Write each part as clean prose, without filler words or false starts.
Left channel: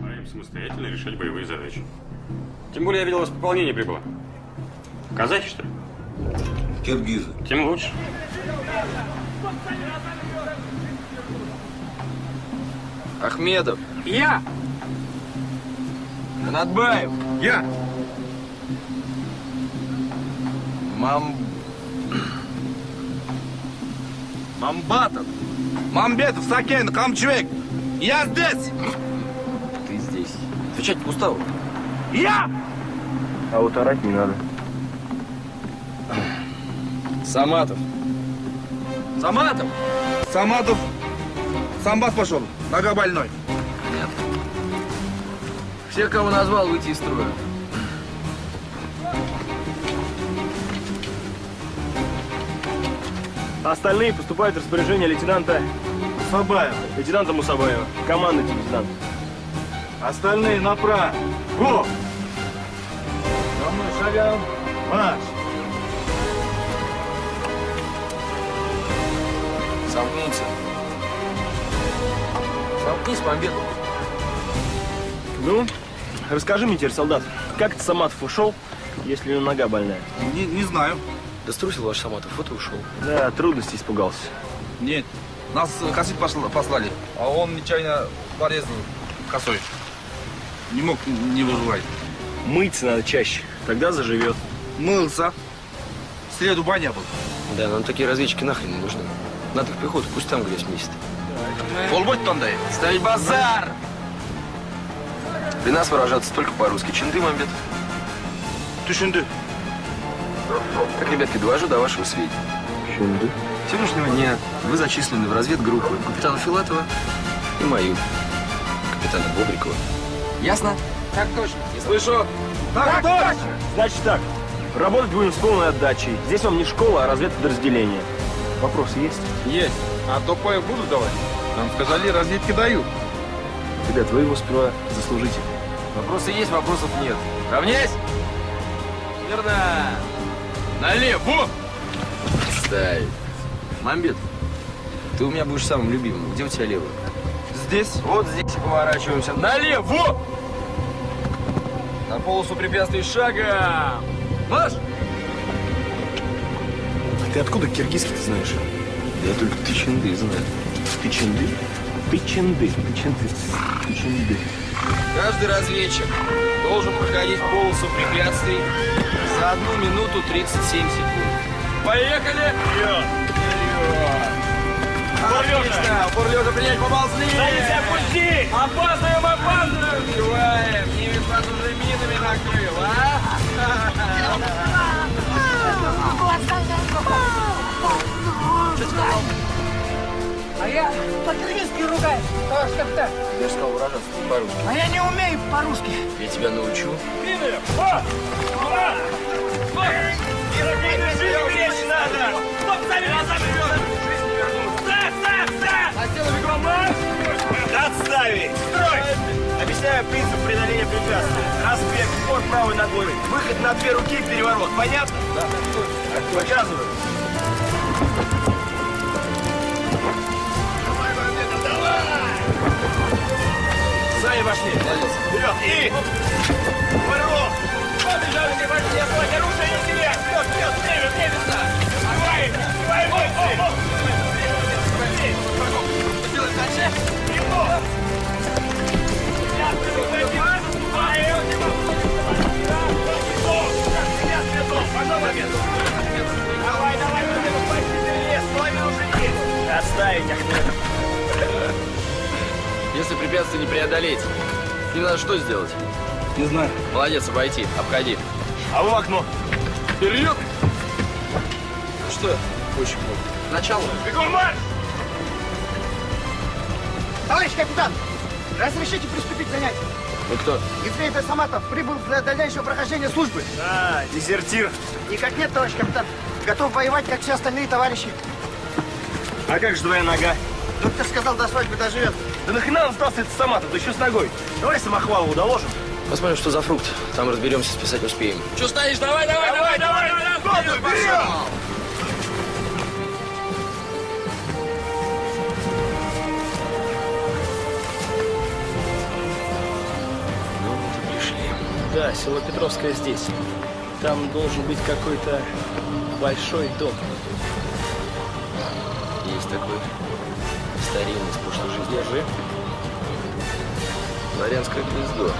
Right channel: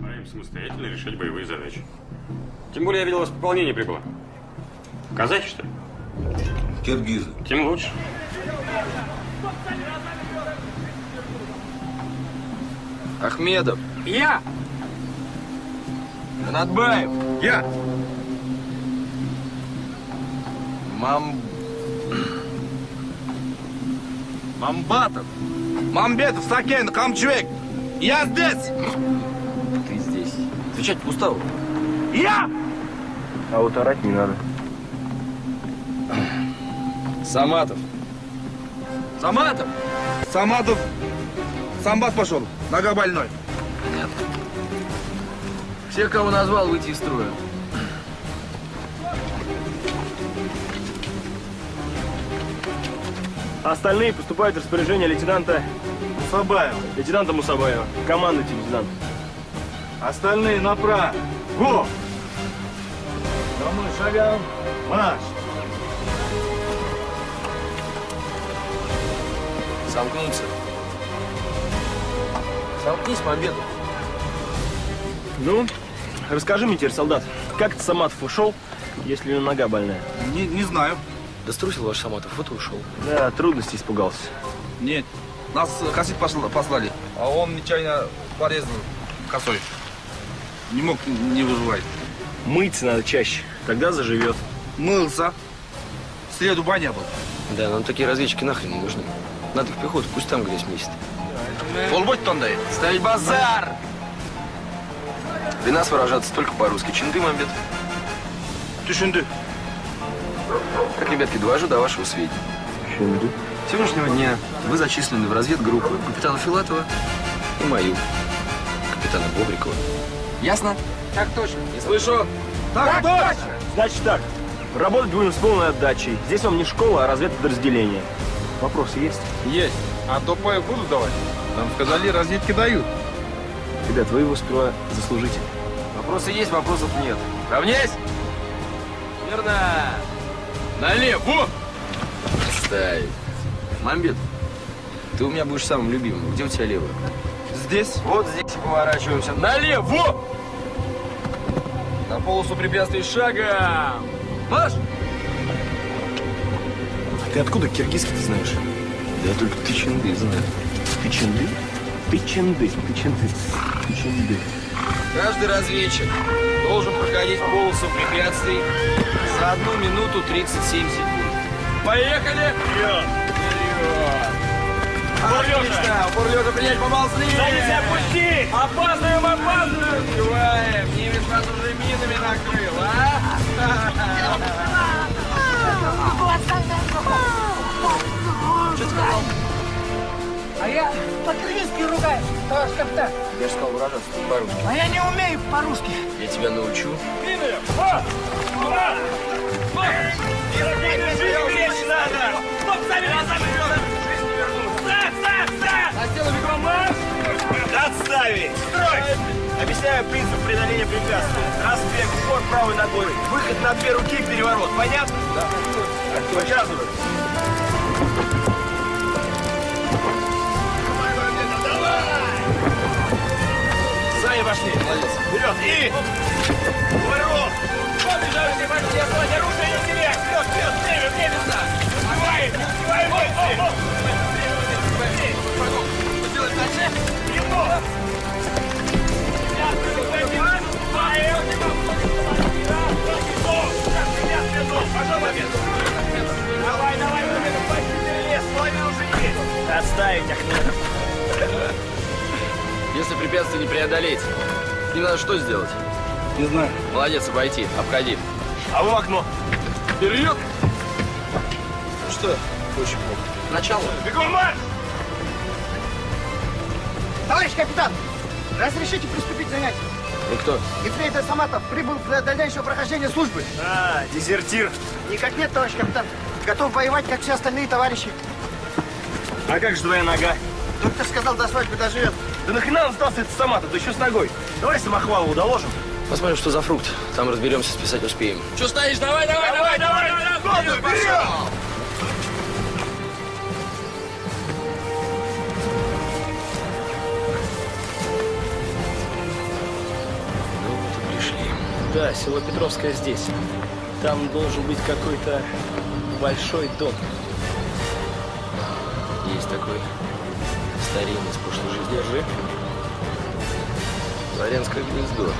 Им самостоятельно решать боевые задачи. Тем более я видел, у вас пополнение прибыло. Казахи, что ли? Киргизы. Тем лучше. Ахмедов. Я! Анатбаев. Я! Мамбатов. Мамбетов, Сакен, Камчвек. Я здесь. Ты здесь. Отвечать по уставу. Я! А вот орать не надо. Саматов. Саматов. Саматов. Самбат пошел. Нога больной. Понятно. Всех, кого назвал, выйти из строя. Остальные поступают в распоряжение лейтенанта Сабаева. лейтенанта Мусабаева. Командуйте, лейтенант. Остальные направо. Во! За мной шагом. Марш! Сомкнуться. Сомкнись, Мамбетов. Ну, расскажи мне теперь, солдат, как это Саматов ушел, если у него нога больная? Не знаю. Да струсил ваш Саматов, вот и ушел. Да, трудностей испугался. Нет. Нас косить послали. А он нечаянно порезал косой. Не мог не выживать. Мыться надо чаще, тогда заживет. Мылся. В среду баня был. Да, нам такие разведчики нахрен не нужны. Надо в пехоту, пусть там грязь месяц. Полботь тондай. Ставить базар! При нас выражаться только по-русски. Чинды, Мамбетов. Ты шинды. Так, ребятки, довожу до вашего сведения. Чинды? С сегодняшнего дня вы зачислены в разведгруппу капитана Филатова и мою, капитана Бобрикова. Ясно? Так точно. Не слышу. Так точно! Значит так, работать будем с полной отдачей. Здесь вам не школа, а разведподразделение. Вопросы есть? Есть. А то паек будут давать? Нам сказали, разведки дают. Ребят, вы его сперва заслужите. Вопросы есть, вопросов нет. Равняйсь! Верно! Налево! Ставить. Мамбет, ты у меня будешь самым любимым. Где у тебя левая? Здесь? Вот здесь и поворачиваемся. Налево! На полосу препятствий шагом! Марш! Ты откуда киргизский-то знаешь? Да я только ты чинды знаю. Ты чинды? Ты чинды. Ты чинды. Ты чинды. Каждый разведчик должен проходить полосу препятствий за 1 минуту 37 секунд. Поехали! Вперед! Отлично! Упор лежа принять, поползли! опусти! Опаздываем, опаздываем! Успеваем! Немец нас уже минами накрыл, а? А я по-киргизски ругаюсь, товарищ капитан. Я же сказал выражаться по-русски. А я не умею по-русски. Я тебя научу. Отставить! Строй! Объясняю принцип преодоления препятствий. Разбег, упор правой ногой. Выход на 2 руки, переворот. Понятно? Да. Показываю. Сами пошли. Молодец. Вперед! И... Ворот! Побежали, пошли! Отводь оружие на себе! Вперед, вперед! Время, временно! Успеваем! Не успеваем! Что делать дальше? Немного! Давай, давай, половину уже есть! Отставить, Ахмедов! Если препятствие не преодолеть, им надо что сделать? Не знаю. Молодец, обойти, обходи. А вы в окно! Вперед! Ну что, очень много. Начало. Бегом марш! Товарищ капитан, разрешите приступить к занятию? Вы кто? Ефрейтор Саматов прибыл для дальнейшего прохождения службы. А, дезертир. Никак нет, товарищ капитан. Готов воевать, как все остальные товарищи. А как же твоя нога? Доктор сказал, до свадьбы доживет. Да нахрена он сдался этот Саматов, да еще с ногой? Давай Самохвалову доложим. Посмотрим, что за фрукт. Там разберемся, списать успеем. Че стоишь? Давай, давай, Давай, давай, давай, Вперед! Да, село Петровское здесь. Там должен быть какой-то большой дом. Есть такой старинный, с прошлой жизни. Держи. Дворянское гнездо.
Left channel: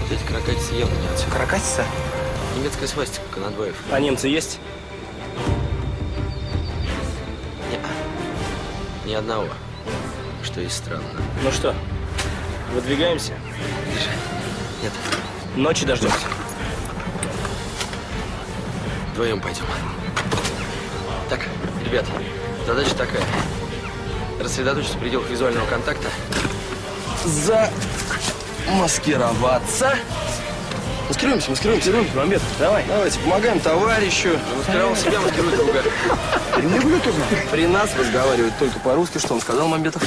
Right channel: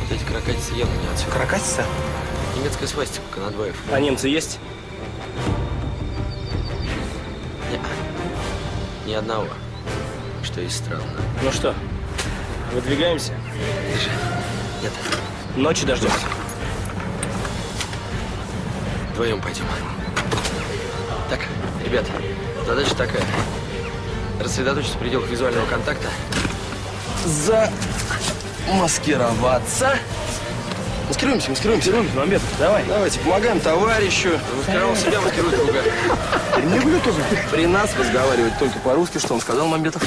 Вот эти каракатицы явно не отсюда. Каракатица? Немецкая свастика, Конадваев. А немцы есть? Ни одного. Что и странно. Ну что, выдвигаемся? Держи. Нет, Ночи дождемся. вдвоем пойдем. Так, ребят, задача такая. Рассредоточиться в пределах визуального контакта. Замаскироваться. Маскируемся. Мамбет, давай. Давайте, помогаем товарищу. Замаскировал себя, маскирует друга. При нас разговаривать только по-русски. Что он сказал, Мамбетов?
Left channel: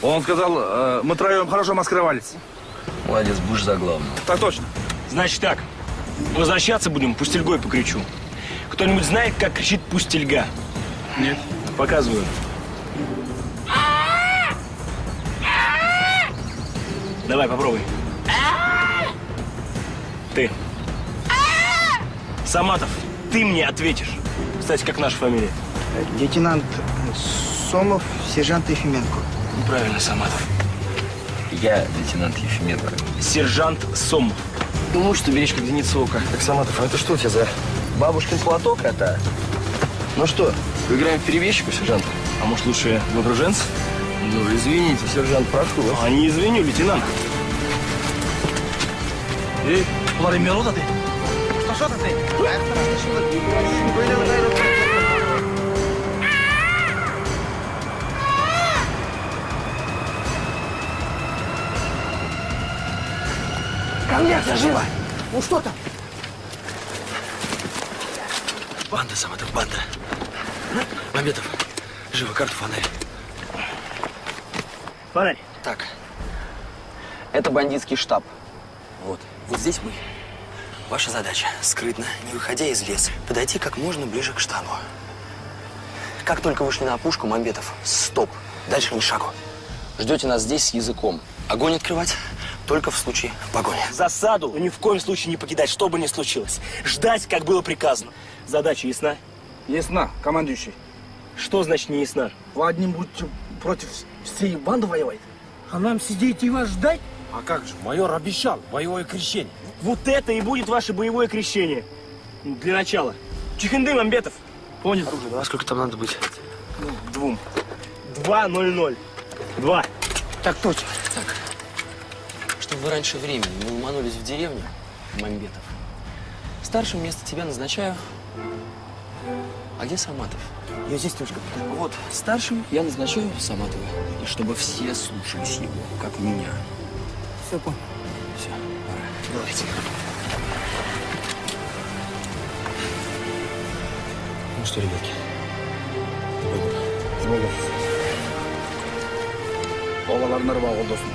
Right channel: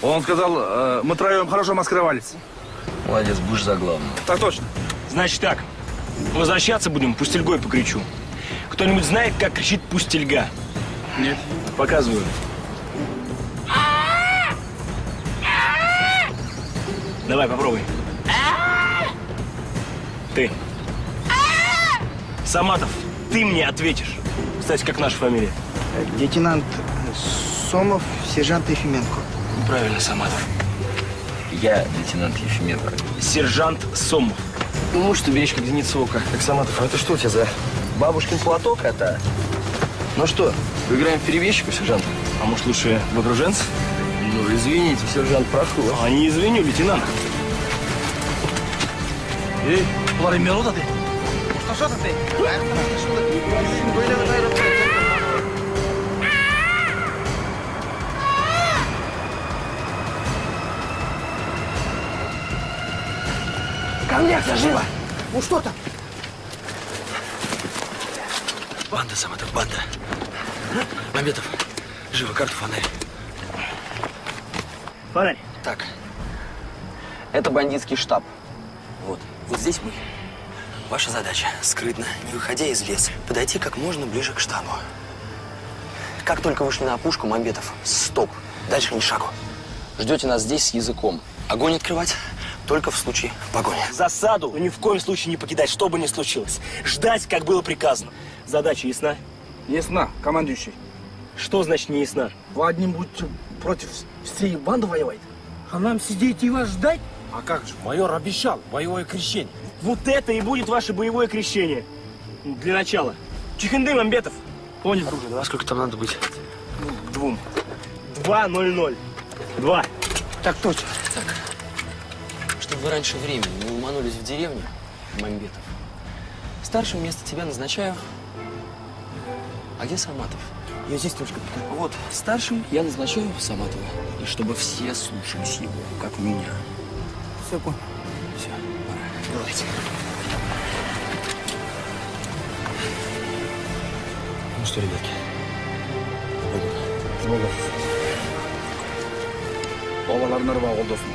Он сказал, мы троем хорошо маскировались. Молодец, будешь за главного. Так точно. Значит так, возвращаться будем, пустельгой покричу. Кто-нибудь знает, как кричит пустельга? Нет. Показываю. Давай, попробуй. Ты. Саматов, ты мне ответишь. Кстати, как наша фамилия? Лейтенант Сомов, сержант Ефименко. Правильно, Саматов. Я лейтенант Ефименко. Сержант Сомов. Ну, можешь ты беречь как зеницу ока. Так, Саматов, а это что у тебя за бабушкин платок это? Ну что, поиграем в перебежчика, сержант? А может, лучше в окруженцев? Ну, извините, сержант Прохоров. А не извиню, лейтенант. Эй, Владимир Мирода ты? Что ты? Ко мне, живо! Ну что там? Банда, Саматов, банда. Мамбетов, живо, карту, фонарь. Фонарь. Так, это бандитский штаб. Вот здесь мы. Ваша задача – скрытно, не выходя из леса, подойти как можно ближе к штабу. Как только вышли на опушку, Мамбетов, стоп, дальше ни шагу. Ждете нас здесь с языком. Огонь открывать только в случае погони. Засаду ни в коем случае не покидать, что бы ни случилось. Ждать, как было приказано. Задача ясна? Ясно, командующий. Что значит не ясна? Вы одним будете против всей банды воевать? А нам сидеть и вас ждать? А как же? Майор обещал боевое крещение. Вот это и будет ваше боевое крещение. Для начала. Чихынды, Мамбетов. Понял. А сколько там надо быть? Двум. 2:00. 2. Так точно. Так, чтобы вы раньше времени не уманулись в деревню, Мамбетов, старшим вместо тебя назначаю. А где Саматов? Я здесь только. Вот, старшим я назначаю Саматова. И чтобы все слушались его, как меня. Все понял. Все, пора. Давайте. Ну что, ребятки, пойдем. С Богом. Балаларына рыба болдосын.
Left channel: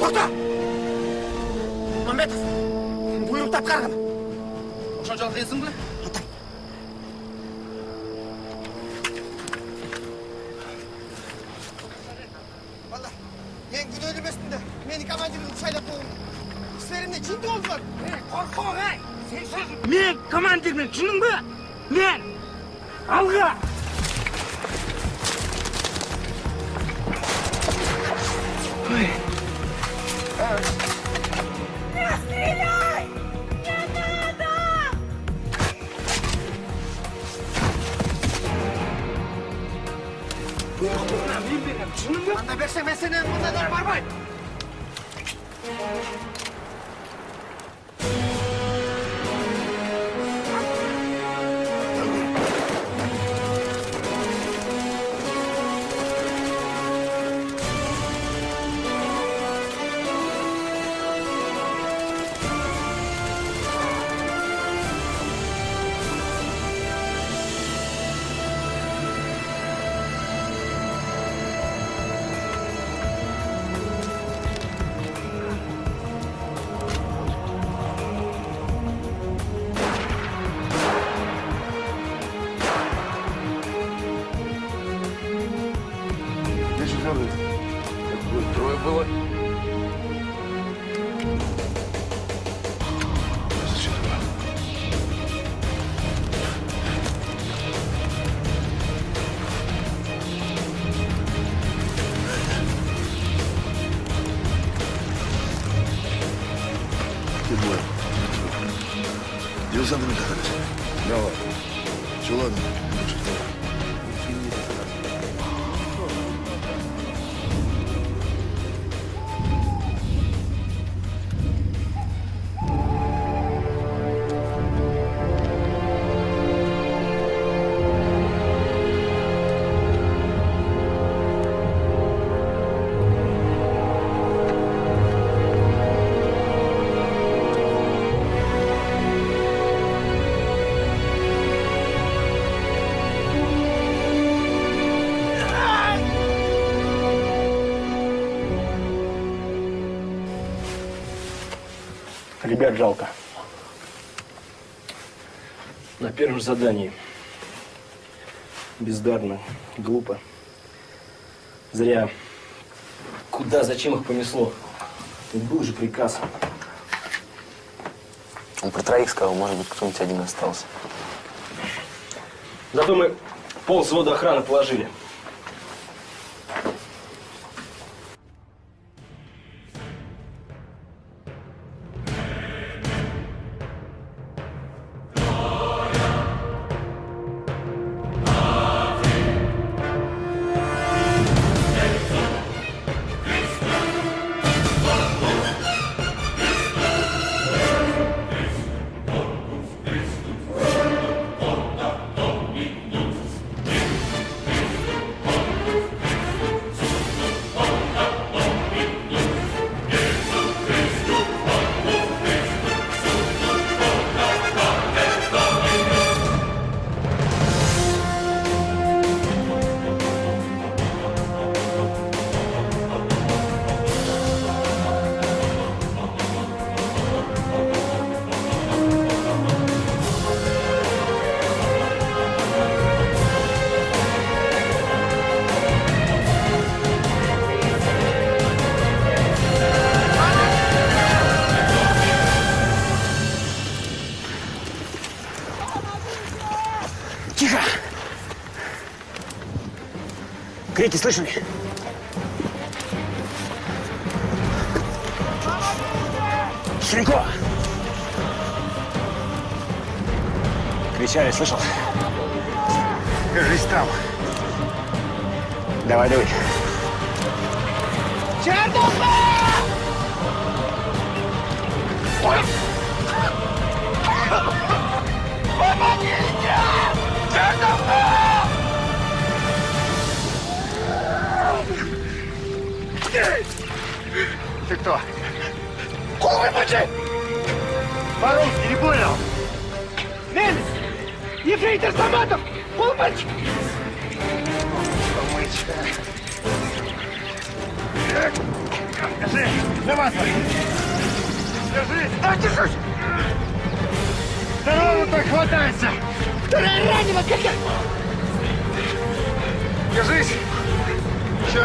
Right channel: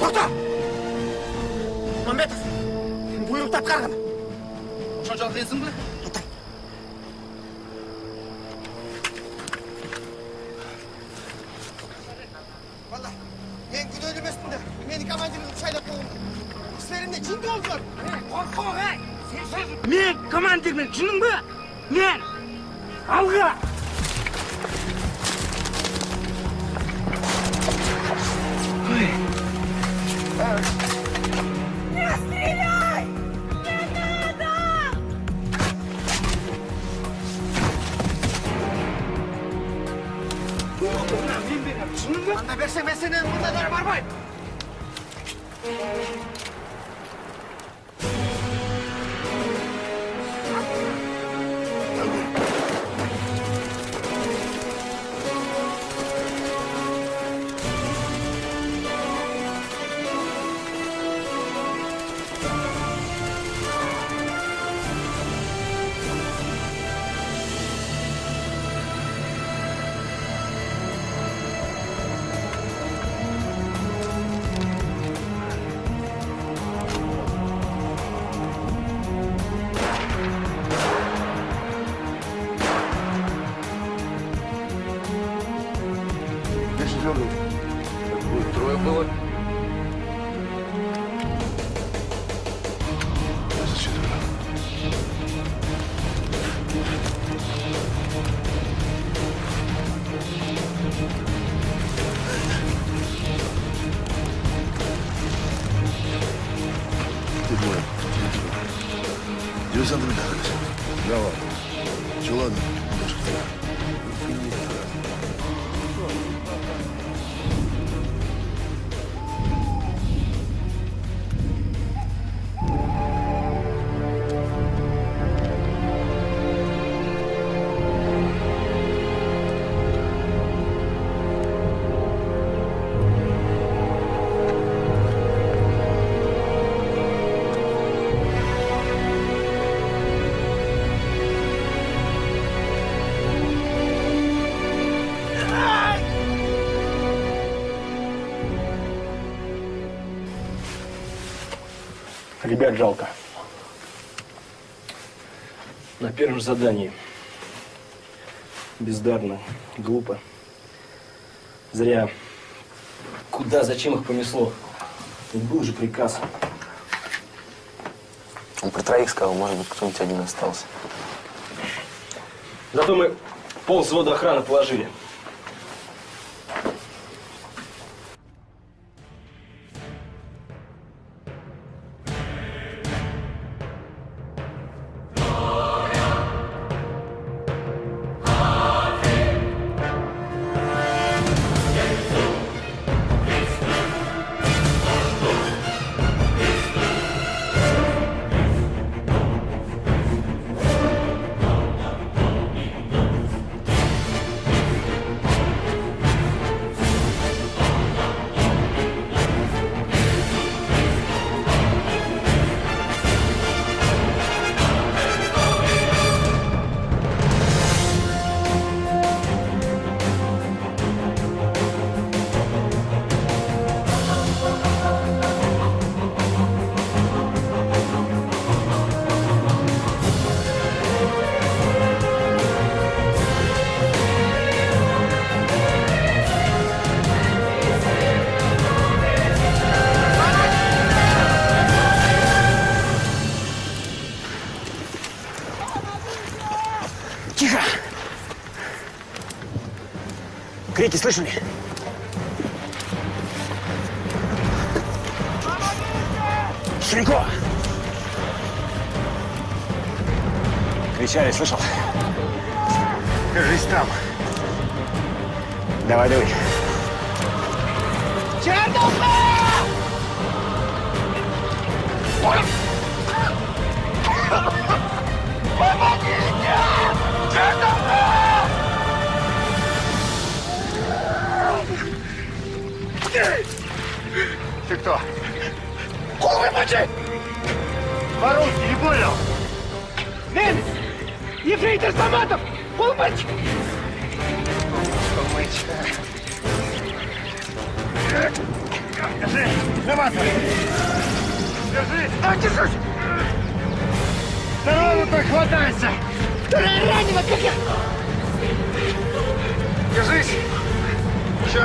Тоқта! Мамбетов, бұйрықты атқарғын. Ошончолук кыйынсыңбы? Валла, мен күнөөлүү емеспін да. Мені командирімді сайлап қойдым. Кісілерімде жынды болдылар. Қорқоқ, Мен командирмен, жының ба? Мен! Алға! Анда берсең, мен сенен мұндайлар бармайм. Ты двое. Диверсант Михайлович. Давай. Все, ладно. Ребят жалко. На первом задании. Бездарно, глупо. Зря. Куда, зачем их понесло? Ведь был же приказ. Он про троих сказал, может быть, кто-нибудь один остался. Зато мы пол взвода охраны положили. Тихо! Крики слышали? Ширико! Кричали, слышал? Держись там. Давай, давай. Ты кто? Головы мочи! По-русски не понял? Немец! Ефрейтор Саматов! Полмальчик! Полмальчик. Держи! Намазывай! Держи! Да, держусь! Второго так хватайся! Вторая ранена, как я! Держись! Еще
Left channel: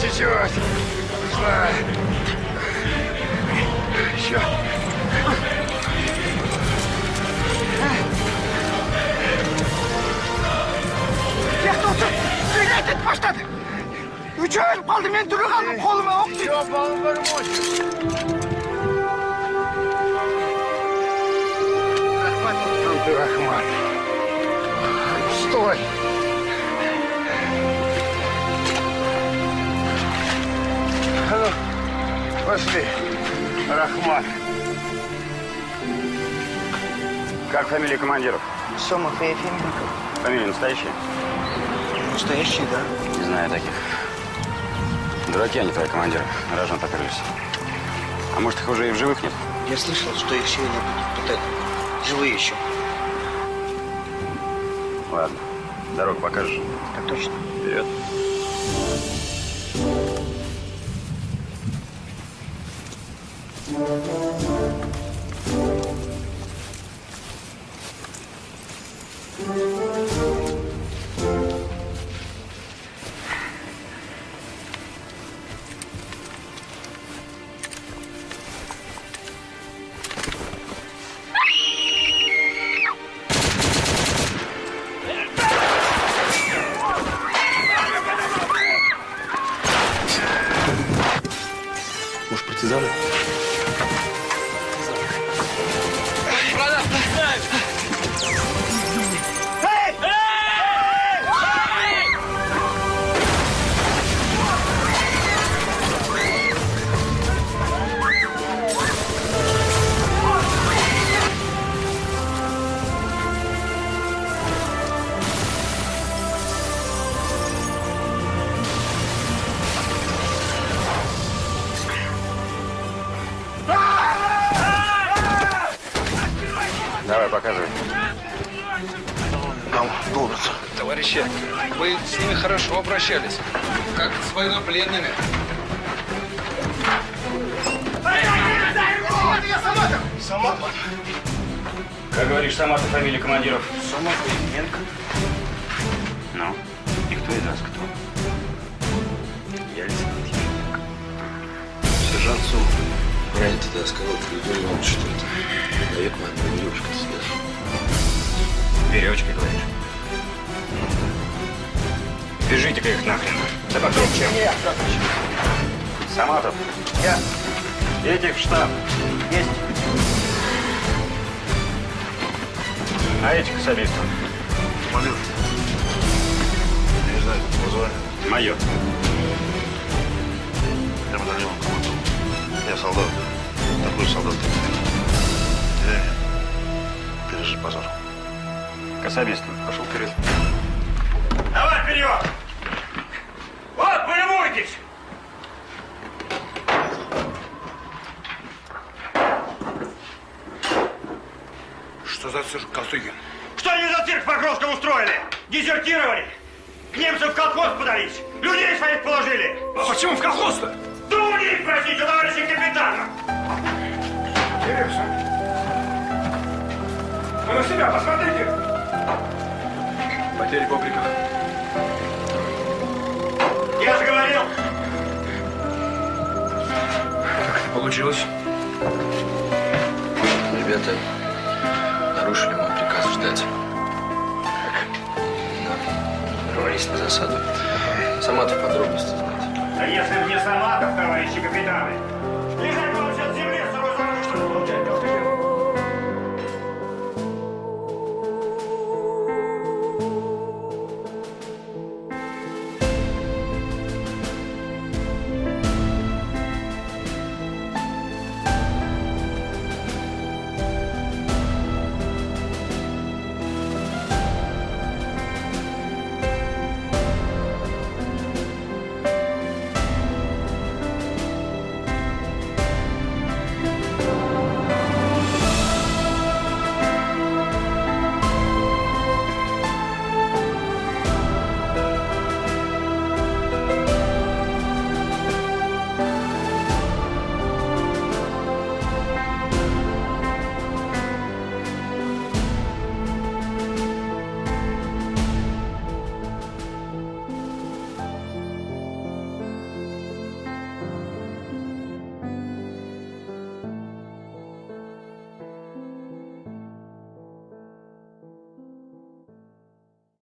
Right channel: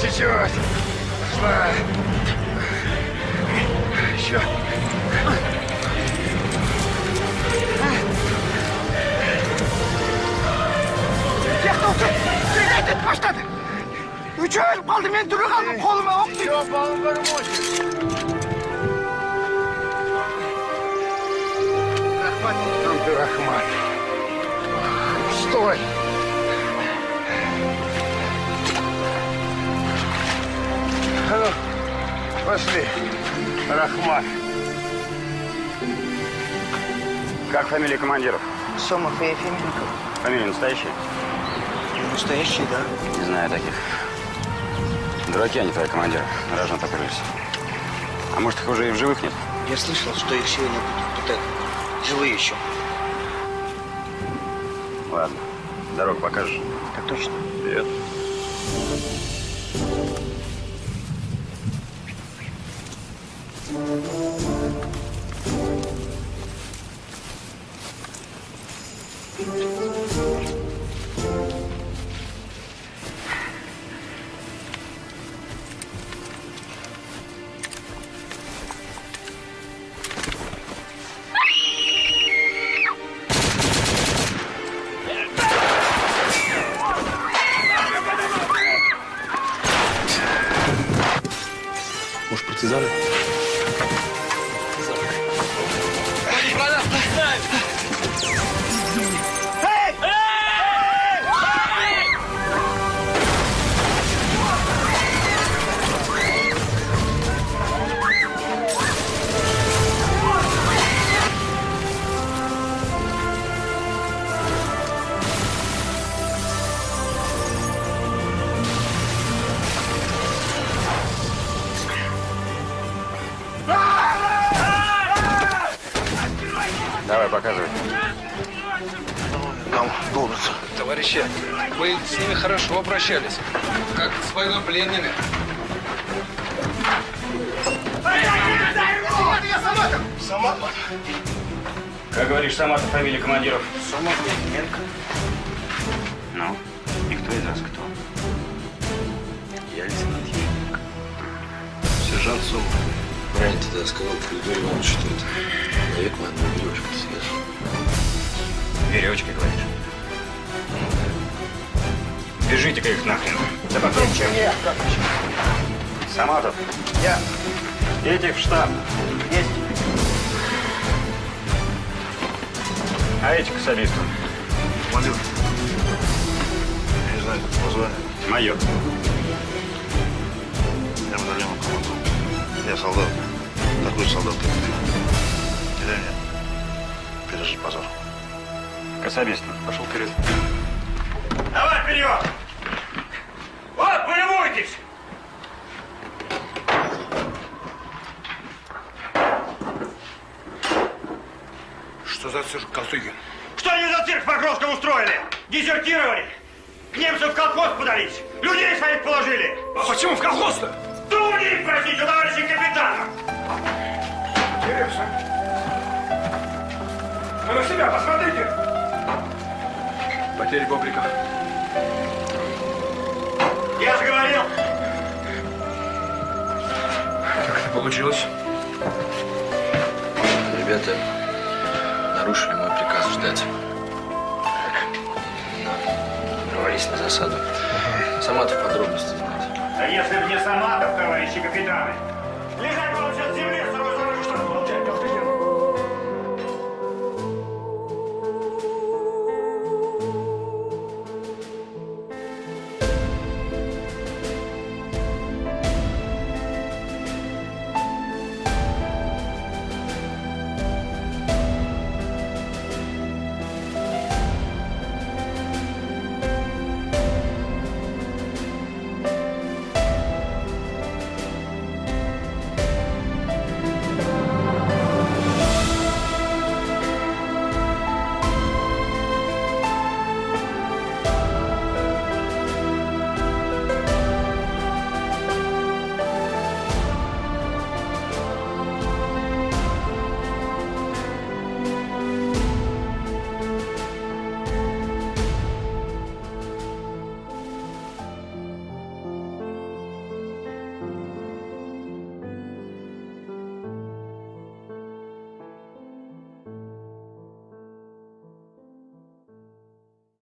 чуть-чуть! Пошла! Еще! Тоқтатшы! Сүйге әтет баштады! Үш өліп қалды, мен түрі қалдым, қолыма оқ тиді! Все, балым Рахмат, ты Рахмат. Стой! А ну, пошли, Рахмат. Как фамилия командиров? Сомов и Ефименко. Фамилия настоящая? Настоящий, да. Не знаю таких. Дураки они, твои командиры. Рожон поперлись. А может, их уже и в живых нет? Я слышал, что их сегодня будут пытать. Живые еще. Ладно. Дорогу покажешь? Так точно. Вперед. Может, партизаны? Давай, показывай. Нам долбится. Товарищи, вы с ними хорошо обращались. Как с военнопленными. Саматов. Как говоришь, Саматов, фамилия командиров? Саматов. Менко. Ну, и кто из нас кто? Я лейтенант Ельник. Сержант Сум. Ранее тогда сказал Григорий Иванович, что это человек на одной веревочке связан. Веревочкой, говоришь? Бежите-ка их нахрен. Да покрепче. Саматов. Я. Этих в штаб. Есть. А этих к особисту. Командир. Я не знаю, как его звали. Майор. Я батальоном командир. Я солдат. Такой солдат. Деревня. Пережить базар. К особисту. Пошел вперед. Давай вперед! Вот, полюбуйтесь! Что за цирк, Косыгин? Что они за цирк в Покровском устроили? Дезертировали? К немцам в колхоз подались? Людей своих положили? А почему в колхоз-то? Да у них, простите, товарищи капитана! А на себя посмотрите! Потери бобрика. Я же говорил! Как это получилось? Ребята нарушили мой приказ ждать. Нарвались на засаду. Саматов подробности знает. Да если бы не Саматов, товарищи капитаны,